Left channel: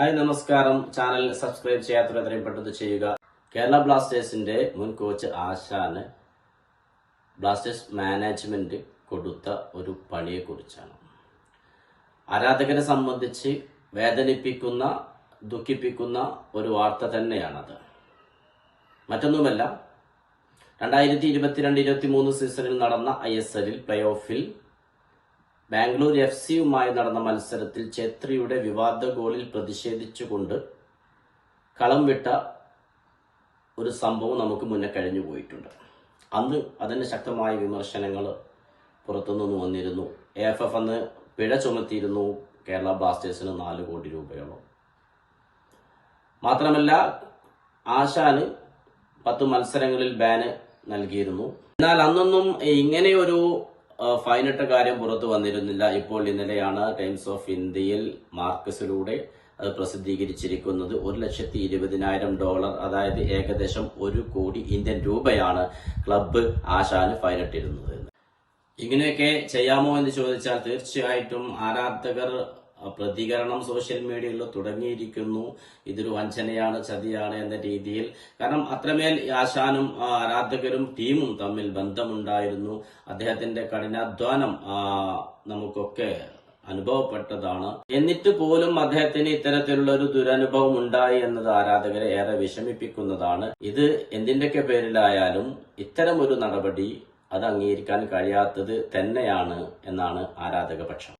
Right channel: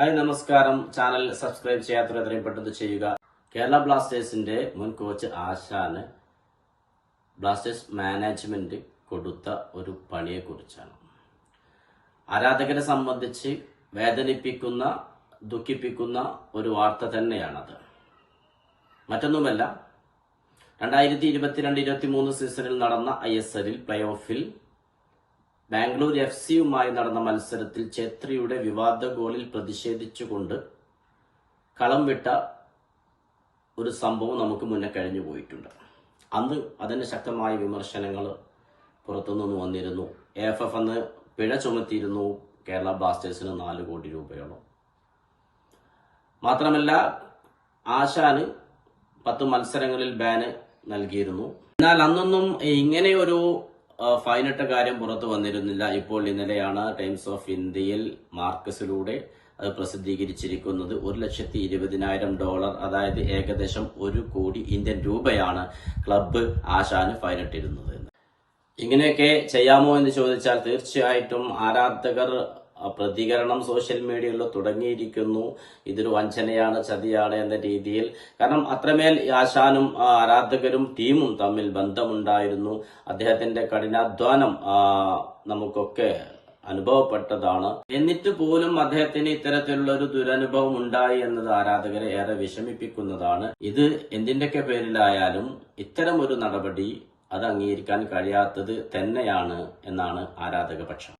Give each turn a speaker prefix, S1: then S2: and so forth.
S1: Hi നമസ്കാരം. Channel subscribe ചെയ്യാത്തവർ എത്രയും പെട്ടെന്ന് ചെയ്യുക. കേരള ബ്ലാസ്റ്റേഴ്സിന്റെ മുൻ കോച്ച് ആശാന് ബ്ലാസ്റ്റേഴ്സ് മാനേജ്മെന്റ് കൊടുത്ത ഒരു പണിയെക്കുറിച്ചാണ്. ആരാധകരെ സംബന്ധിച്ച് വേദനിപ്പിക്കുന്ന ദുഃഖിപ്പിക്കുന്ന ഒരു വാർത്ത തന്നെയാണത്. മറ്റൊന്നുമല്ല രണ്ടായിരത്തി ഇരുപത്തിരണ്ട് ഇരുപത്തി മൂന്ന് സീസണിൽ നടന്ന ഐ എസ് എല്ലിൽ പ്ലേ ഓഫിൽ ബാംഗ്ലൂർ എഫ് സിയുമായി നടന്ന മത്സരത്തിൽ ഛേത്രിയുടെ വിവാദ ഗോളിൽ പ്രതിഷേധിച്ചുകൊണ്ട് കളം വിട്ട ഒരു സംഭവം നമുക്ക് മുന്നേ കഴിഞ്ഞു പോയിട്ടുണ്ട്. അന്ന് അതിന് ശക്തമായ വിമർശനങ്ങൾ പുറത്തുനിന്ന് വന്നിരുന്നു. എഫ് എഫ് അന്ന് പിഴ ചുമത്തിയിരുന്നു കേരള ബ്ലാസ്റ്റേഴ്സിന് നാല് കോടി രൂപയോളം. മാത്രമല്ല ആശാന് പത്ത് മത്സരങ്ങളിൽ ബാന് നൽകിയിരുന്നു. എന്നാൽ അന്നൊന്നും ഇങ്ങനെയൊരു ഫൈനിട്ട കാര്യം പുറത്തു വന്നിരുന്നില്ല. ഇപ്പോൾ ഇന്നലെയാണ് ടൈംസ് ഓഫ് ഇന്ത്യയിൽ മാർക്കസിലൂടെ അത് പ്രസിദ്ധീകരിച്ചിരിക്കുന്നത്. ഒരു ലക്ഷത്തി ഇരുപതിനായിരം ഡോളർ അതായത് ഏകദേശം ഒരു കോടി ഇന്ത്യൻ രൂപയാണ് ക്ലബ്ബ് ആശാന് ഫൈനിട്ടിരുന്നത് ഇങ്ങനെയൊക്കെ ചെയ്യാമോ എന്ന് ചോദിച്ചാൽ തീർച്ചയായിട്ടും ആരാധകർ പ്രതികരണം സോഷ്യൽ മീഡിയയിൽ തുടങ്ങിയിരിക്കുന്നു. ഇതൊരു വഞ്ചനയാണ് ചതിയാണ് എന്ന രീതിയിൽ. കാരണം അത്രമേൽ ആശാനും ആരാധകരും ടീമും തമ്മിൽ ബന്ധമുണ്ടായിരുന്നു. അദ്ദേഹത്തിന്റെ കഠിനാധ്വാനം നമുക്കൊക്കെ അനുഭവപ്പെട്ടതാണ്. എന്നിട്ട് പോലും അദ്ദേഹത്തിന് ഇത്തരത്തിലുള്ള ഒരു ദുരനുഭവം ഉണ്ടായി എന്നത് ആരാധകരെ ഏറെ വിഷമിപ്പിക്കുന്നതാണ്. ഇത് എന്തിന്റെയൊക്കെ പേരിലായാലും ഇത്തരം ഒരു നടപടി അത് അംഗീകരിക്കാൻ കഴിയാത്തത് തന്നെയാണ് എന്നാണ് ആരാധക പക്ഷം